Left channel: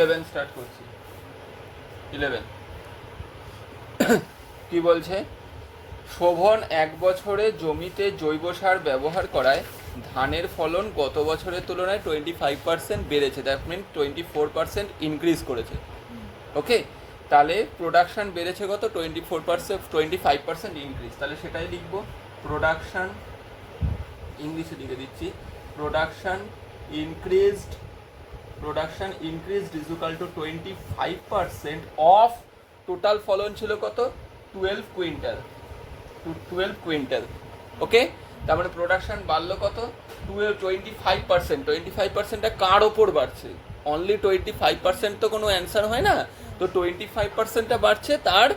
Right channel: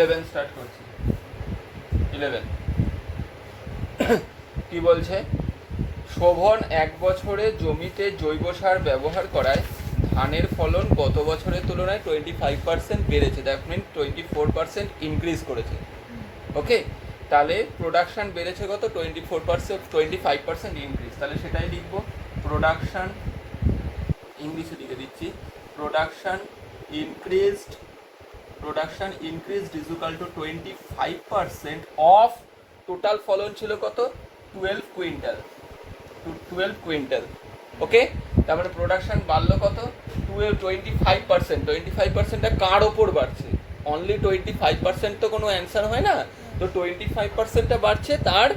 11 start করছি। 11 কি বলছে? শোভন 1 বছরে জমিতে জৈব সার ব্যবহার করায় ধানের ফলন গত বছরের তুলনায় 25% বেড়েছে। দ্যাট মিন 24% ইনক্রিজ করেছে। ওকে, তাহলে প্রোডাকশান বেড়েছে কত? 24%, 25% ইনক্রিজ। তাহলে সেটাই লিখবো, প্রোডাকশান, ইংলিশে লিখে দিচ্ছি, production increased is equal to 25% of total ফলন ছিল কত? 12 কুইন্টাল। 12 কুইন্টাল। ওকে, তার মানে প্রোডাকশন বাড়লো কত? 25%। 25%টা কার ওপর বাড়ছে? অনলি 25% তো কোনো অ্যান্সার হয় না, তো 25%টা বাড়ছে তার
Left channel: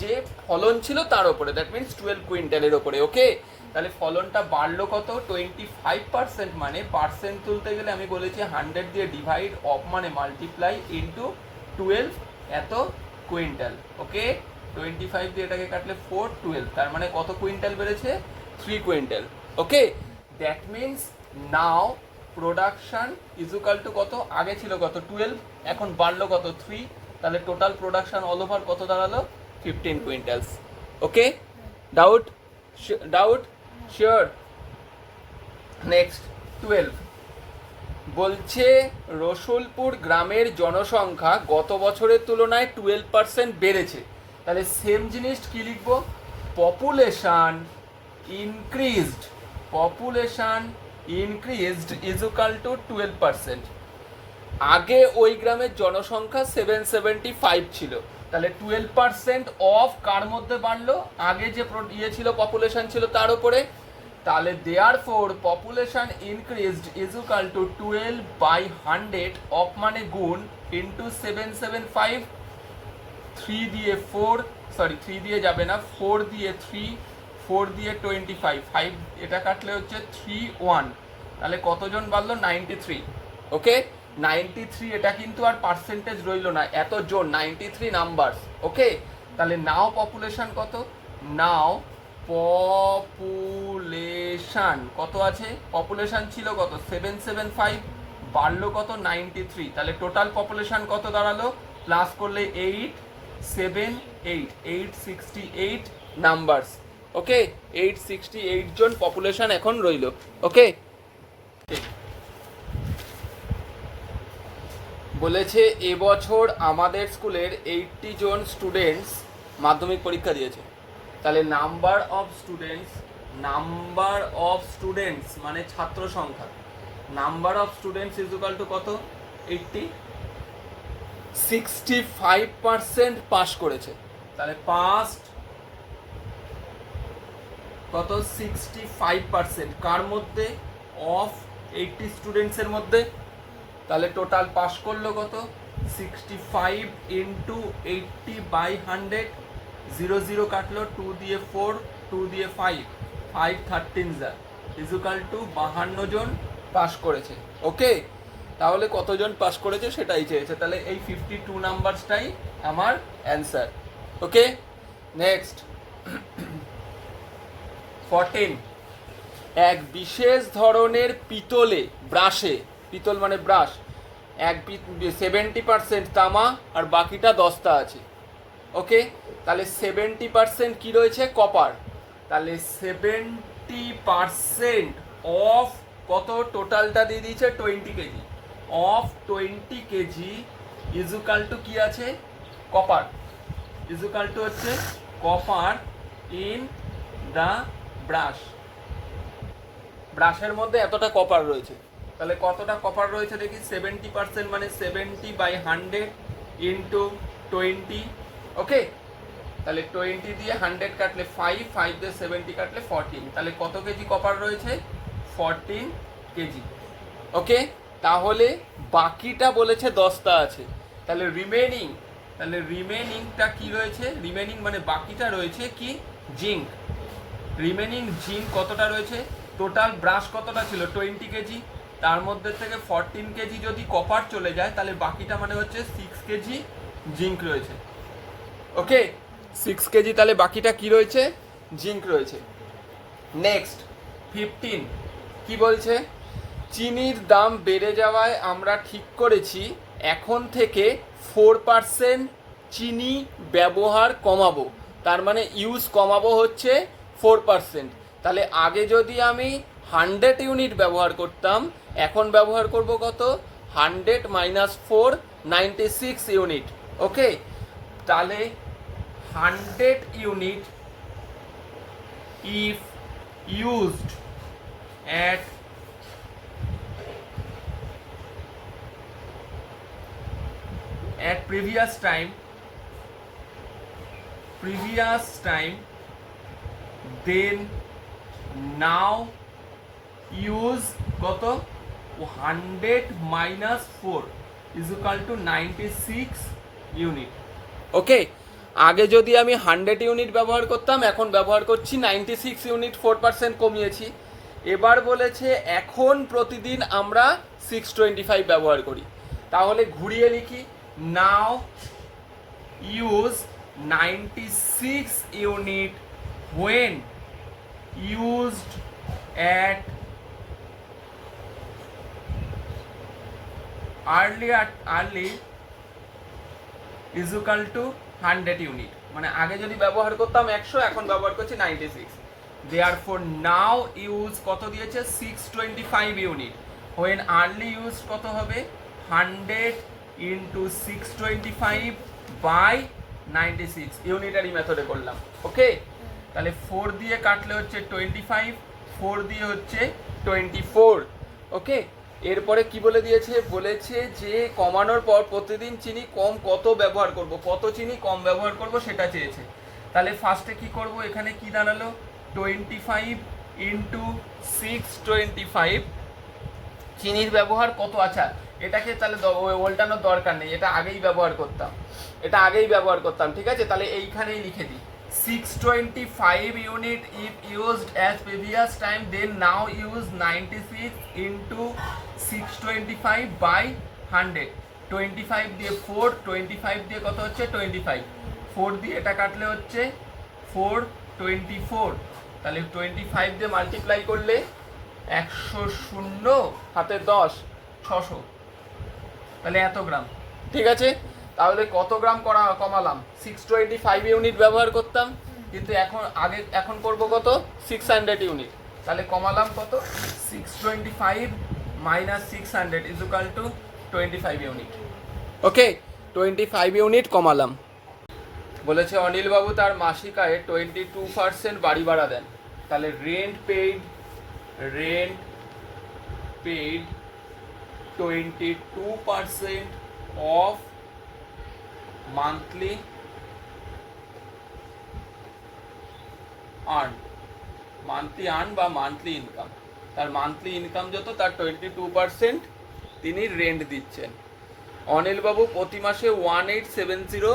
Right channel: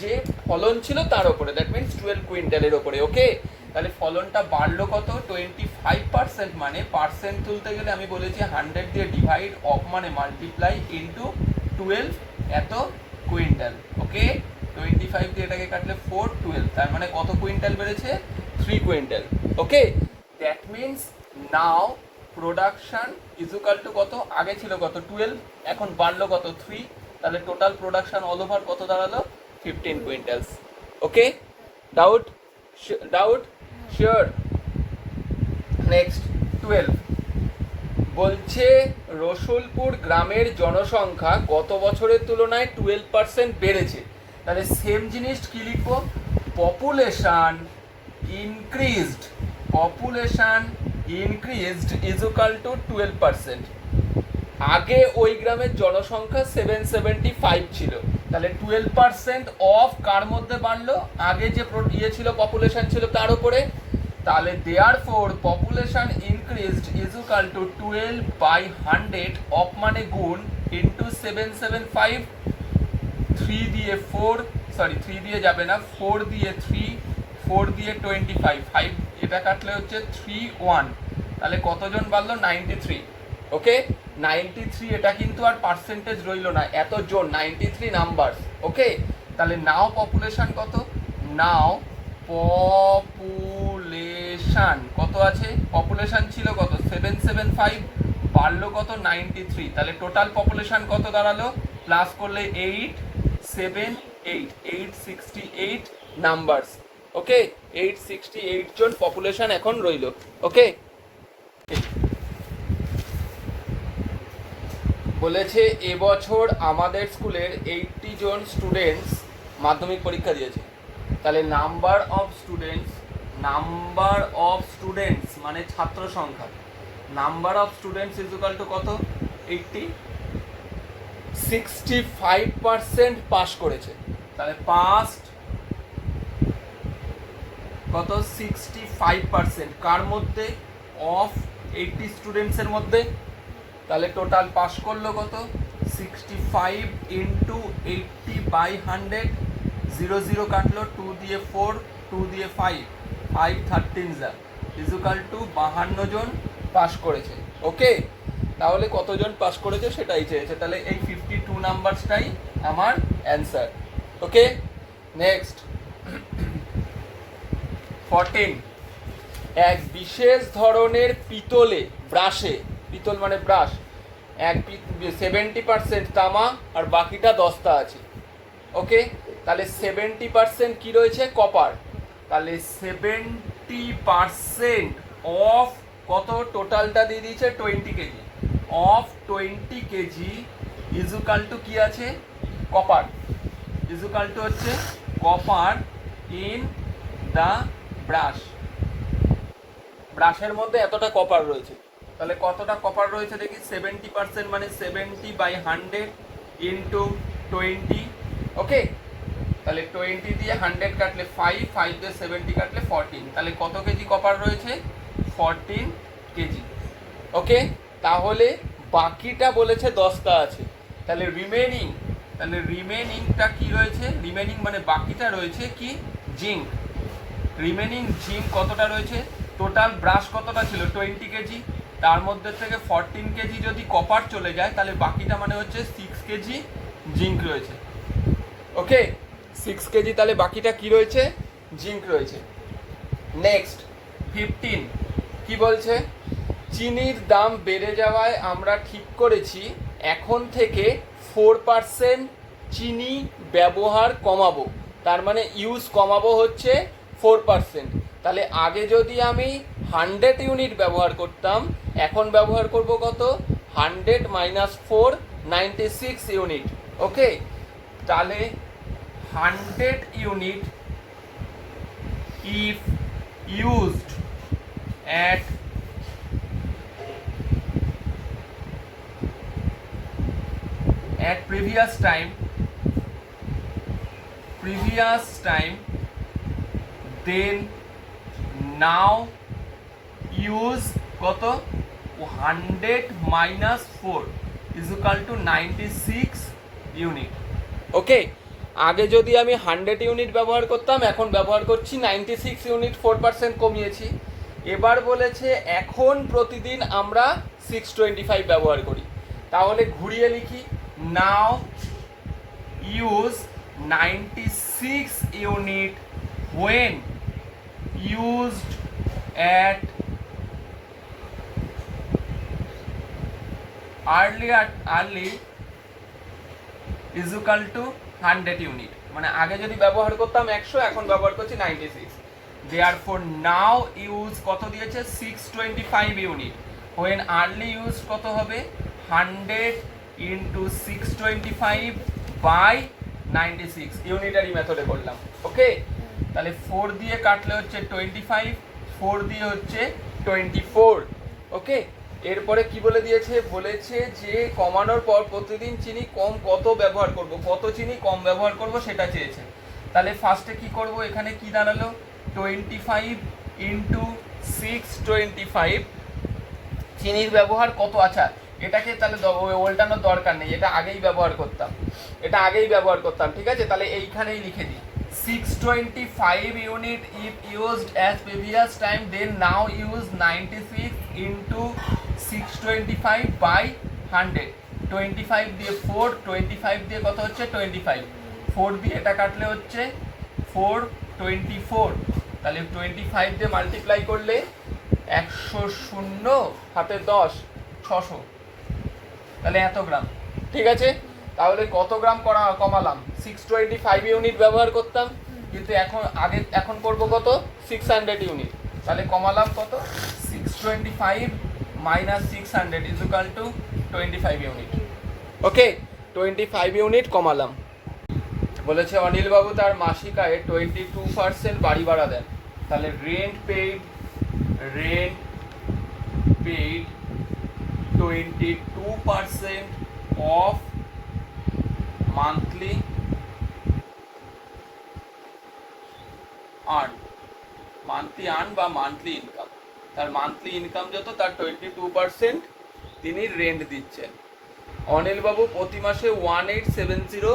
যে ফলন ছিল তার ওপরে, দ্যাট মিনস 12 কুইন্টালের ওপরে। ওকে, তাহলে ফলনটা বাড়লো কত? 25%। মানে পার্সেন্ট তুলতে গেলে আমি বলেছি 100 দিয়ে ডিভাইড, অফ মানে মাল্টিপ্লাই, ইন্টু 12 এত কুইন্টাল। ওকে, 25 দিয়ে এটাকে কাটলে 4, 12, তার মানে কত কুইন্টাল বেড়েছে? 3 quintal. Okay, that means now production is equal two কত? আগে ছিল কত? 12, এখন বাড়লো কত? 3। তাহলে টোটাল প্রোডাকশন অল ওভার কত দাঁড়ালো? 15 কুইন্টালস। ওকে, ডাউট? শিওর? নেক্সট 12 বলছে রসুলপুর গ্রামের জনসংখ্যা গত বছরের তুলনায় 12% বেড়েছে। তাহলে সেম জিনিস কি লিখবো? Population increased is equal two 12%। আগে ওই গ্রামের জনসংখ্যা 775 ছিল, তাহলে 12% অফ কার মধ্যে বাড়লো? আগে যে ছিল পপুলেশন ছিল তার উপরে। তাহলে therefore population increased is equal two 12/100, of মানে গুণ, ইন্টু 775, 3 দিয়ে 4, সরি 3 দিয়ে যাবে না, 4 দিয়ে 3, 4 দিয়ে 25, 5 এটা কাটলে হচ্ছে 31। তাহলে কতজন বাড়লো? 93। ওকে, 93, এটা কিন্তু আর পার্সেন্টেজ রইল না, এতজন, 93 নাম্বার। ওকে, তাহলে নাও পপুলেশন কত? নাও পপুলেশন কত আছে? পপুলেশন ছিল কত? 775, বাড়লো কত? 93। তাহলে টোটাল পপুলেশন কত দাঁড়ালো? প্লাস করলে 8, 7, 8, 868 নাম্বারস। ওকে, 868 জন পপুলেশন এখন রইল। ওকে, বলেছে এবছর আমাদের স্কুলের 80 জন স্টুডেন্টস মাধ্যমিক পরীক্ষা দিয়েছে। তাহলে নাম্বার অফ স্টুডেন্টস মানে ছাত্র সংখ্যা, number of students is equal two কত? 80। 65% পাস করেছে। তাহলে পাস্ট কত? 65%। কার মধ্যে? অফ 80 স্টুডেন্টসের মধ্যে। তাহলে টোটাল পাস করলো কত? 65 ইন্টু 80/100, 0 0 কাটলো, 2 দিয়ে 4, 2 দিয়ে 5, 5 13 যা ইজ ইকুয়াল টু 52 জন পাস করেছে। ওকে, তাহলে কতজন পাস করেছে সেটাই চেয়েছে। তাহলে এই 52 নাম্বারসটাই আমার অ্যান্সার। ওকে, নেক্সট 14 এক বিশেষ ধরনের পিতলে ব্রাশে, পিতল মানে ব্রাশ, 70% তামা আর বাকিটা দস্তা আছে। ওকে, তাহলে 70% কি রয়েছে? কপার। তাহলে 70% অফ কত? টোটালটা দিয়ে দিয়েছে 20 KG. Of 20 KG is equal two কি আছে? কপার। ইজ ইকুয়াল টু হচ্ছে কপার ইন দা ব্রাশ। ব্রাশের মধ্যে এতটা কপার রয়েছে। তাহলে কতটা কপার রয়েছে দেখি? 70% মানে 70/100 ইন্টু 20। ওকে, তাহলে 20 দিয়ে 100 কাটলে 5, 5 দিয়ে 70 কাটলে 14। তাহলে কত কেজি কপার রয়েছে? 14 কেজি। ওকে, তাহলে বাকিটা বলেছে দস্তা আছে। তাহলে রিমেনিংটা কি রয়েছে? রিমেনিং মানে বাকিটা রয়েছে কি? জিঙ্ক। রিমেনিং জিঙ্ক কতটা রয়েছে? টোটাল ব্রাশ কতটা ছিল? 20 কেজি, তার মধ্যে থেকে 14 কেজি যদি কপার চলে যায় তাহলে বাকিটা মানে হচ্ছে 6 কেজি জিঙ্ক রয়েছে। ওকে, 6 কেজি, তাহলে বাকিটা কি রয়েছে? জিঙ্ক রয়েছে। নেক্সট 15 কি বলছে? চিনির দাম বেড়ে যাওয়ায় আমরা ঠিক করেছি এখন থেকে 4% চিনি ব্যবহার কমাবো, তার মানে ইউজ কমাবো হচ্ছে 4%। তাহলে আগে যদি আমি 100 ইউনিট ব্যবহার করতাম, এখন ব্যবহার করব কত? 100 মাইনাস 4, 96 ইউনিট। ওকে, তাহলে 100 unit if used at previous time then now use কত? 100 minus 4 is equal to 96 unit. Okay, আগে যদি আমি 100 ইউনিট ব্যবহার করতাম, এখন ব্যবহার করছি 96 ইউনিট, 4% কমিয়েছি। এবার বলেছে এখন প্রতিদিন আমরা 625 ব্যবহার করি। তাহলে ঘুরিয়ে লিখি, now use 96 unit when used at early is equal to 100 unit. মানে আগে যদি ব্যবহার করতাম 100, এখন ব্যবহার করছি 96। therefore now use কত দিয়েছে? 625 ইউনিট। when early use কত হবে? 100 into 625 by 96, ইউনিটারি মেথডে করলাম। ওকে, তাহলে 4 দিয়ে কাটলে হচ্ছে 25, 4 দিয়ে হচ্ছে 24। ওকে, এরপরে কি বলে দিয়েছে? বলেছে যে কমানোর পর প্রতিদিন চিনি কত ব্যবহার করব, কত চিনি কম ব্যবহার করব সেটা চেয়েছে। তাহলে ফার্স্টে কি করব? এখানে কি দাঁড়ালো? 25 ইন্টু 625। চিনির ব্যবহার কত? আচ্ছা, এটাকে তাহলে উল্টানোর দরকার নেই, এটা আগেই ব্যবহার করতাম, ঠিক আছে? তাহলে এইখানেই লিখে দিই 625 unit if used as previous time then now use 96 into 625 by 100। 25 দিয়ে 4, 25 দিয়ে কত হচ্ছে? 25, 4 দিয়ে এটা কাটলে হচ্ছে 424। তাহলে 25 দিয়ে মাল্টিপ্লাই করলে 100, শূন্য হাতে 10, 600। তাহলে এত গ্রাম, ঠিক আছে? তাহলে কত গ্রাম কমালাম? 625 ইউনিট ব্যবহার করতাম, কিন্তু এখন করব কত? 600 ইউনিট। তাহলে কমালাম কত? 625 minus 600 is equal to 25 unit. Okay, 25 unit কমালাম। বলেছে অনিল বাবু তার মাসিক আয়ে 22% বাড়ি ভাড়া দেন। তাহলে rent paid 22% of monthly earn বা মান্থলি ইনকাম। তার মান্থলি ইনকাম যত, তার 22% তিনি রেন্ট দিচ্ছেন। অনিল বাবু প্রতি মাসে 1870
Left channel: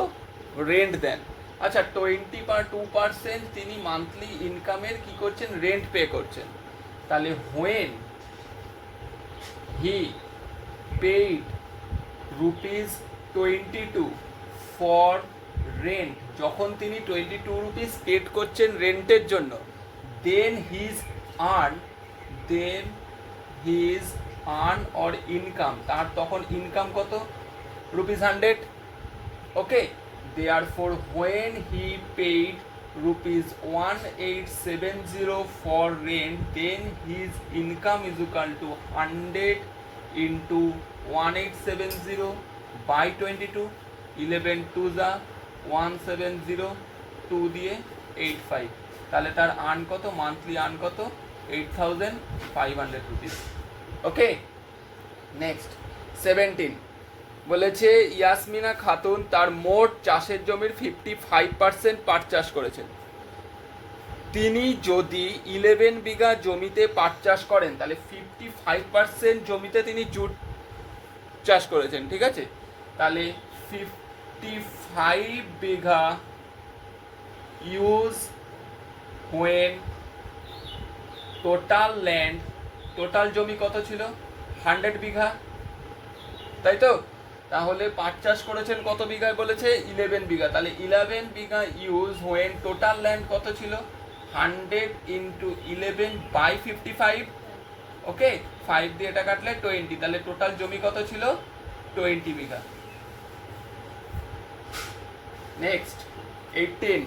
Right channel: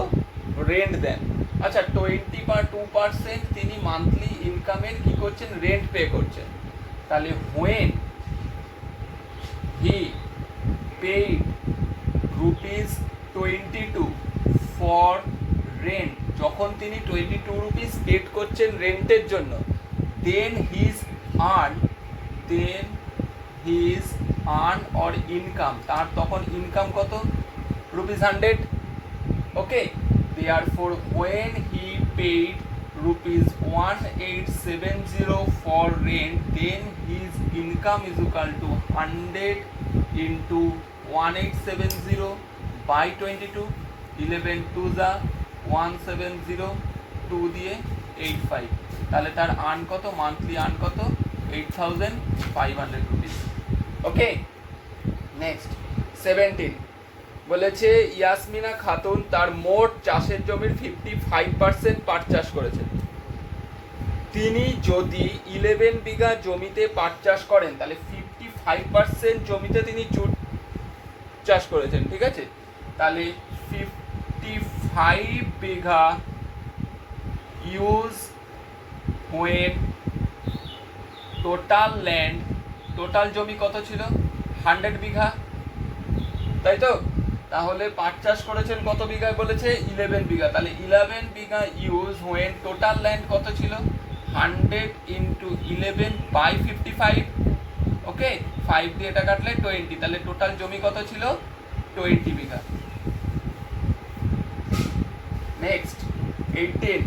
রেন্ট দেন। আচ্ছা, 22% তিনি মান্থলি ইনকামের কি করছেন? রেন্ট পে করছেন। তাহলে when he paid rupees 22 for rent, যখন তিনি 22 রুপিস পেড করছেন রেন্টের জন্য, then his earn or income, তার তখন ইনকাম কত? rupees 100। Okay, therefore when he paid rupees 1870 for rent then his income is equal to 100 into 1870 by 22, 11 2 যা 170, 2 দিয়ে 85। তাহলে তার আর্ন কত? মান্থলি আর্ন কত? 8500 রুপিস। ওকে, নেক্সট 17 বলেছে ইয়াসমিনা খাতুন তার মোট চাষের জমির 55% পাট চাষ করেছেন। তিনি যদি 11 বিঘা জমিতে পাট চাষ করেন, তাহলে 55% জমিতে তিনি জুট চাষ করেছেন, ঠিক আছে? তাহলে 55 বিঘা ইউজ when টোটাল জমি কত ছিল? 100 বিঘা, তাই তো? তাহলে পাট চাষ করেছেন কত বিঘায়? বলেছে 11 বিঘা। তাহলে 11 বিঘা ইউজ when টোটাল ল্যান্ড কত ছিল? 100 into 11 by 55। ওকে, 5 দিয়ে এটা কাটলে 20। তাহলে টোটাল জমি কত ছিল? 20 বিঘা। নেক্সট 18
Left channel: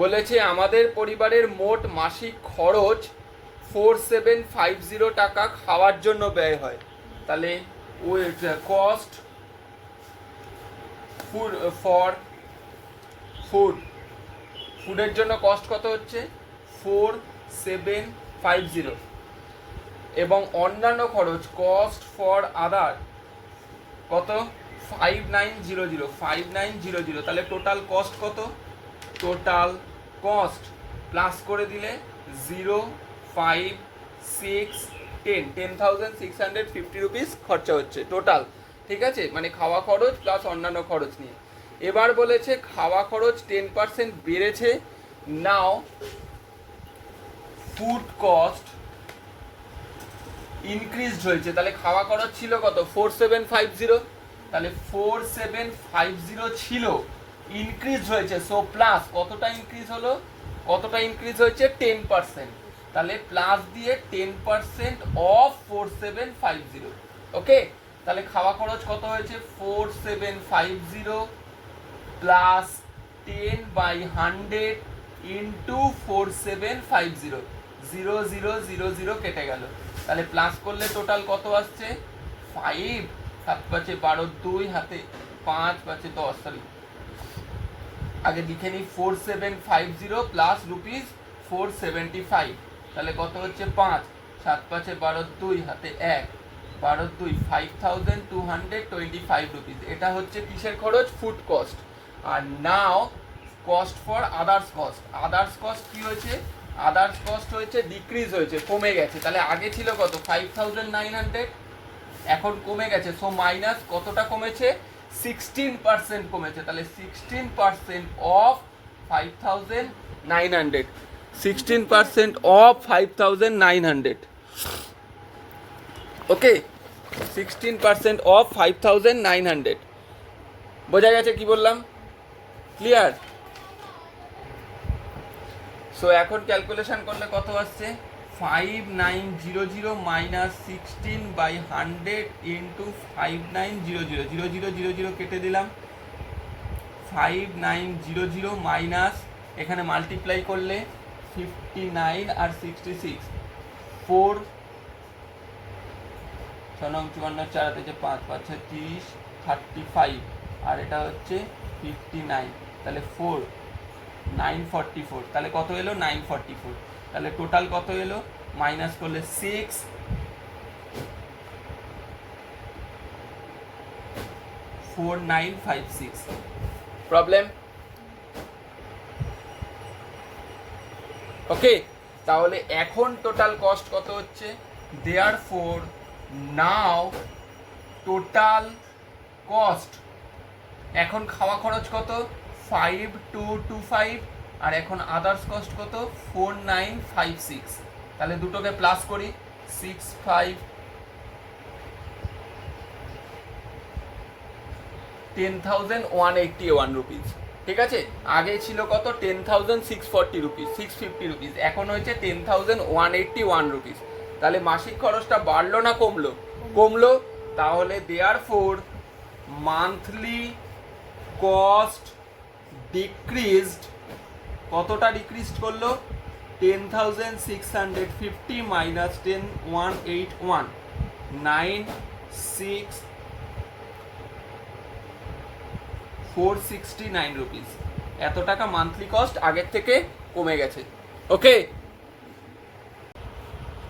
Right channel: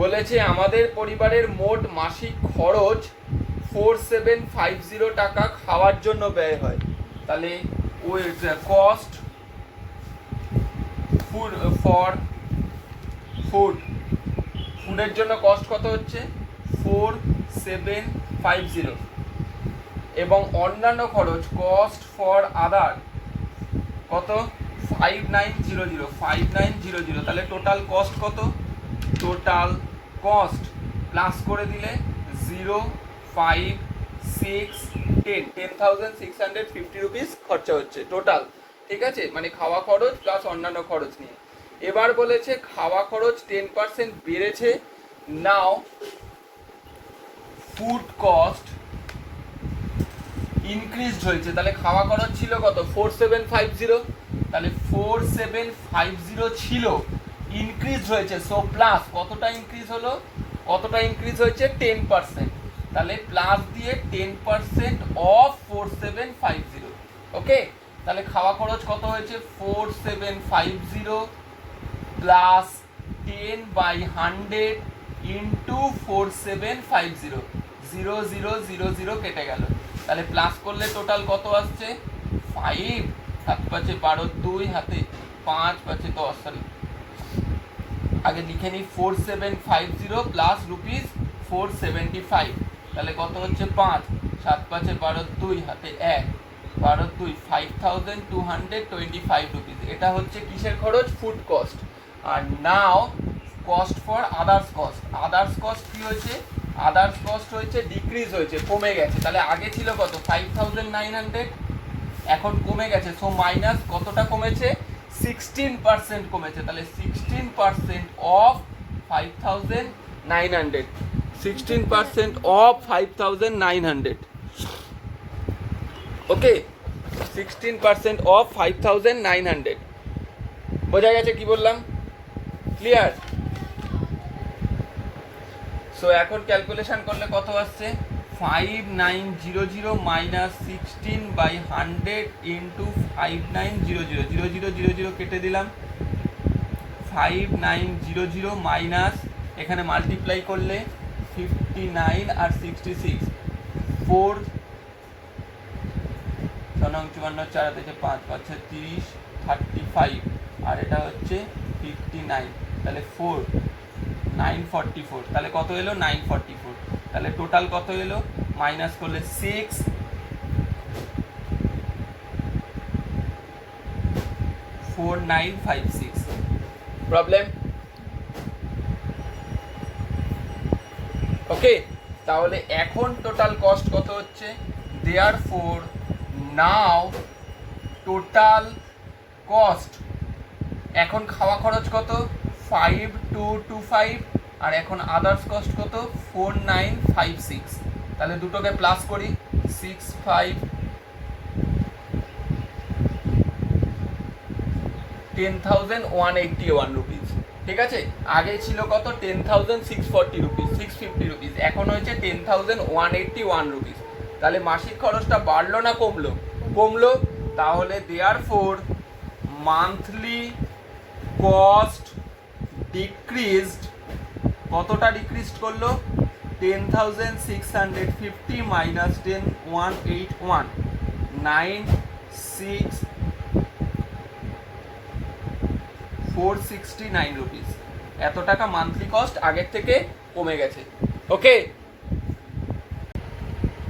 বলেছে আমাদের পরিবারের মোট মাসিক খরচ 4750 টাকা খাওয়ার জন্য ব্যয় হয়। তাহলে কস্ট ফর ফুডের জন্য কস্ট কত হচ্ছে 4750 এবং অন্যান্য খরচ কস্ট ফর আদার কত 5900 তাহলে টোটাল কস্ট কত টোটাল কস্ট প্লাস করে দিলে 0 5 6 10 10,650 রুপিস খরচা হচ্ছে টোটাল। ঠিক আছে, মানে খাওয়া খরচ প্লাস অন্যান্য খরচ নিয়ে। এবার বলেছে খাওয়া খরচ 10% বেড়েছে। নাও ফুড কস্ট ইনক্রিজড হয়েছে। তাহলে খাওয়া খরচ ছিল কত 4750, তাহলে 4750 ছিল, ইনক্রিজ হয়েছে। সো প্লাস কতটা ইনক্রিজ হলো, কতটা ইনক্রিজ হয়েছে 10%। তাহলে প্লাস দিয়ে 10% অফ 4750। ওকে, তাহলে খাওয়া খরচ কত হয়েছে 4750 প্লাস 10/100 ইন্টু 4750, 0000 কেটে গেল। তাহলে প্লাস করলে টোটাল কত আসছে 5, 7 5 12, 2 হাতে 5 5 10, সরি আগে লিখে নিই 4750 প্লাস রুপিস 475, তাহলে কত হচ্ছে 5, 7 5 12, 2 হাতে 1 12 2 5225 রুপিস। এটা হচ্ছে কিসের খরচ ফুড কস্ট। আর now cost for others cost. Others cost কি হয়েছে, আদার্স কস্ট হয়েছে ডিক্রিজ হয়েছে, কমে গেছে। তাহলে আগে ছিল কত 5900, এখন কমে গেছে। সো মাইনাস কতটা কমেছে 16% কমেছে। তাহলে 16% অফ 5900, 16% অফ 5900। Okay, 16% of 5900। বোঝা গেছে কি বললাম, ক্লিয়ার? সো এখন ক্যালকুলেশন করলে কত আসছে 5900 মাইনাস 16/100 ইন্টু 5900, 0000 কেটে দিলাম। 5900 মাইনাস এখানে মাল্টিপ্লাই করলে 59 আর 66 4 9 54 4 থেকে 5 5 30 35 আর এটা হচ্ছে 59, তাহলে 4 944, তাহলে কত এলো 944। তাহলে টোটাল কত এলো মাইনাস করলে 6 4956। প্রবলেম? ওকে, তাহলে এখন টোটাল কস্ট কত হচ্ছে, দেয়ারফর নাও টোটাল কস্ট, এখন খাওয়া খরচ কত 5225 আর এখন আদার্স কস্ট কত 4956। তাহলে দুটোকে প্লাস করি 65 10,181 রুপিস। ঠিক আছে, আগে ছিল কত 10,640 রুপিস, 650 রুপিস, এখন হয়েছে 10,181 রুপিস। তাহলে মাসিক খরচটা বাড়লো না কমলো, কমলো। তাহলে দেয়ারফর মান্থলি কস্ট ডিক্রিজড, কতটা ডিক্রিজড করলো 10,650 মাইনাস 10,181, 96,469 রুপিস। এত টাকা মান্থলি কস্ট আগের থেকে কমে গেছে। ওকে,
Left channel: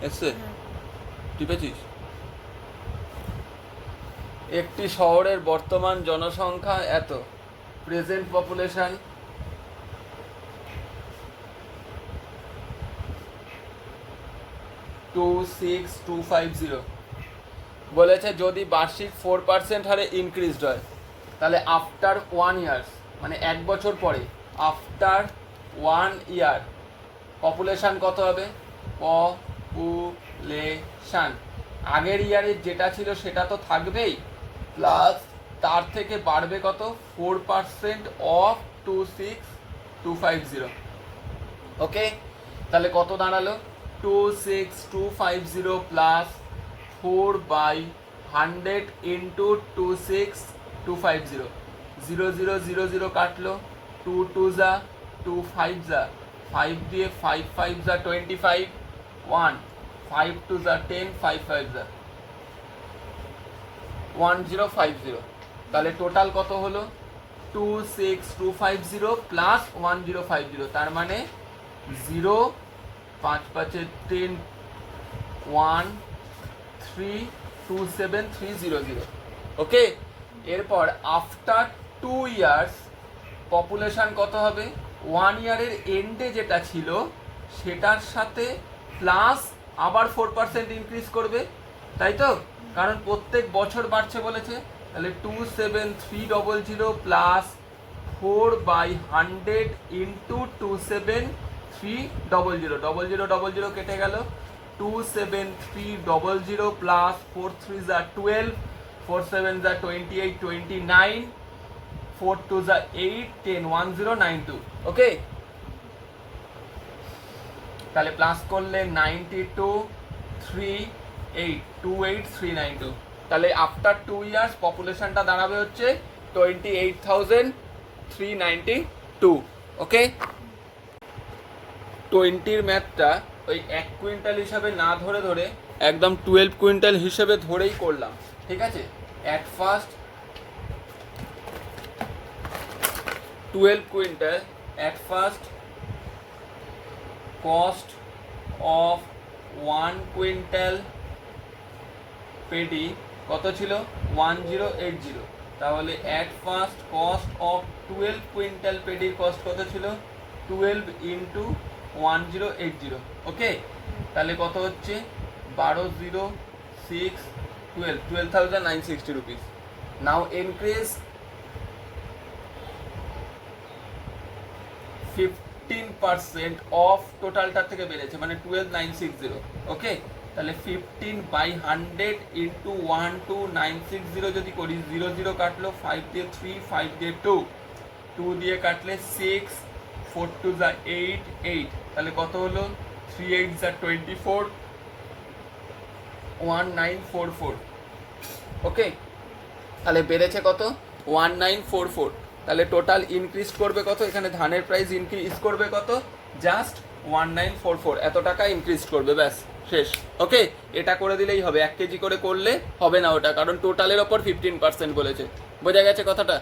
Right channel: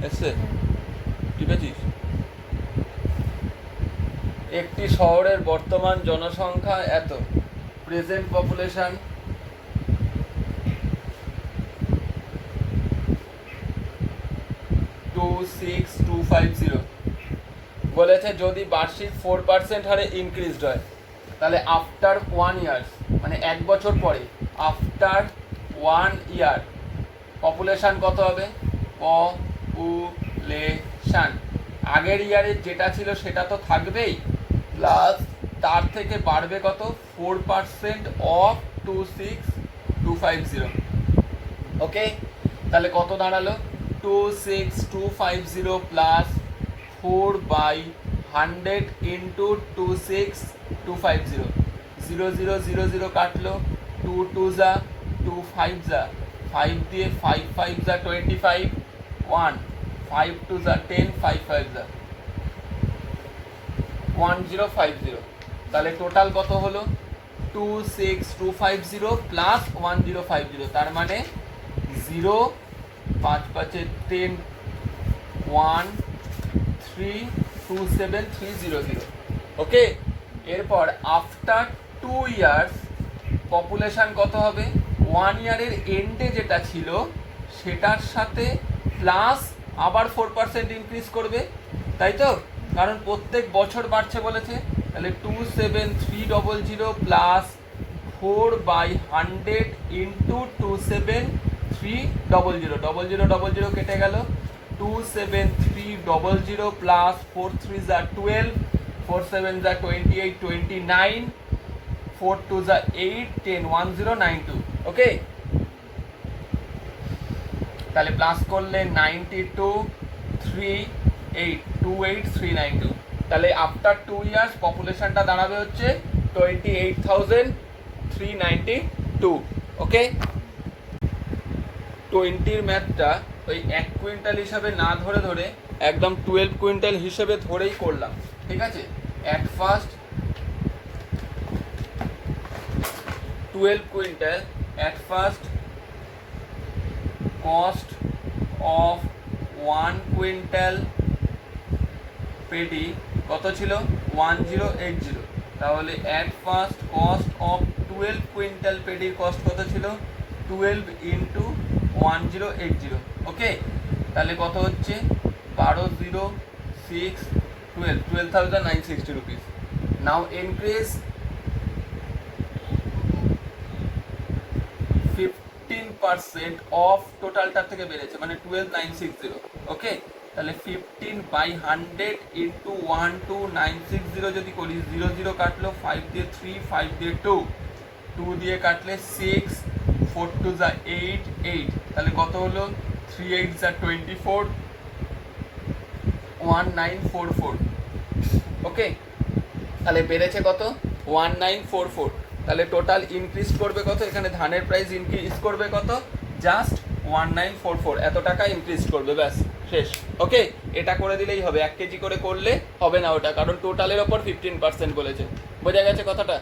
এসে টিপেছিস? একটি শহরের বর্তমান জনসংখ্যা এত, প্রেজেন্ট পপুলেশন 26250। বলেছে যদি বার্ষিক 4% হারে ইনক্রিজড হয়, তাহলে আফটার 1 ইয়ার্স মানে 1 বছর পরে, আফটার 1 ইয়ার পপুলেশন কত হবে, পপুলেশন আগের ইয়ারের যেটা ছিল সেটা তো থাকবেই, প্লাস তার থেকে বাড়বে কত 4% অফ 26250। ওকে, তাহলে কত দাঁড়ালো 26250 প্লাস 4/100 100 ইন্টু 26250, 0000 কাটলো, 2 2 যা 2 5 যা 5 দিয়ে 5 5 যা 25, 1 5 2 যা 10, 5 5 যা 1050। তাহলে টোটাল কত হলো 26250 প্লাস 1050, তার মানে 0 5 5 10 1 3 27300। ওকে, এরপর আফটার 2 ইয়ার্স পপুলেশন কত হবে, 1 ইয়ারের এন্ডে যেটা ছিল সেটার সাথে প্লাস আবার 4% ইনক্রিজ করবে, তাই তো, কারণ প্রত্যেক বছর বাড়ছে বলেছে। তাহলে 27300 প্লাস 4/100 ইন্টু 27300, 0000 কেটে গেল, 27300 প্লাস 4 3 যা 12, 4 7 যা 28 29, 4 2 যা 8 10 1092। ওকে, তাহলে প্লাস করলে 92,382,392। তাহলে আফটার 2 ইয়ার্স পপুলেশনটা দাঁড়াবে হচ্ছে 28,392। ওকে, 20-র ম্যাথটা ওই 1 কুইন্টাল হিসাবে না ধরে ধরে একদম 12 কুইন্টাল হিসেবে ধরেই করলাম, ঠিক আছে। At first 12 quintal, at first cost of 1 quintal paddy কত ছিল 1080, তাহলে at first cost of 12 quintal পেডির কস্ট কত ছিল 12 ইন্টু 1080। ওকে, তাহলে কত হচ্ছে 12,960 রুপিস। নাও ইনক্রিজ 15% অফ টোটালটার থেকে বেড়েছে, মানে 12,960। ওকে, তাহলে 15/100 ইন্টু 12,960 যদি করি, 00 কাটলো, 5 দিয়ে 3, 5 দিয়ে 2, 2 দিয়ে কাটলে 6, 4 2 যা 8 8, তাহলে কত হলো 3 8 যা 24, 1944। ওকে, তাহলে বেড়েছে কত 1944। তাহলে টোটাল ইনক্রিজ করবে কত, এখানে ধানের প্রাইস ইনক্রিজ করবে কত, জাস্ট 1944, এত টাকা ইনক্রিজ করবে, ব্যাস শেষ। ওকে, এটা করে দিলেই হবে, 1 কেজি করে করলে হবে না ওটা, কারণ টোটালের ওপর 15% বলেছে। বোঝা গেছে কথাটা?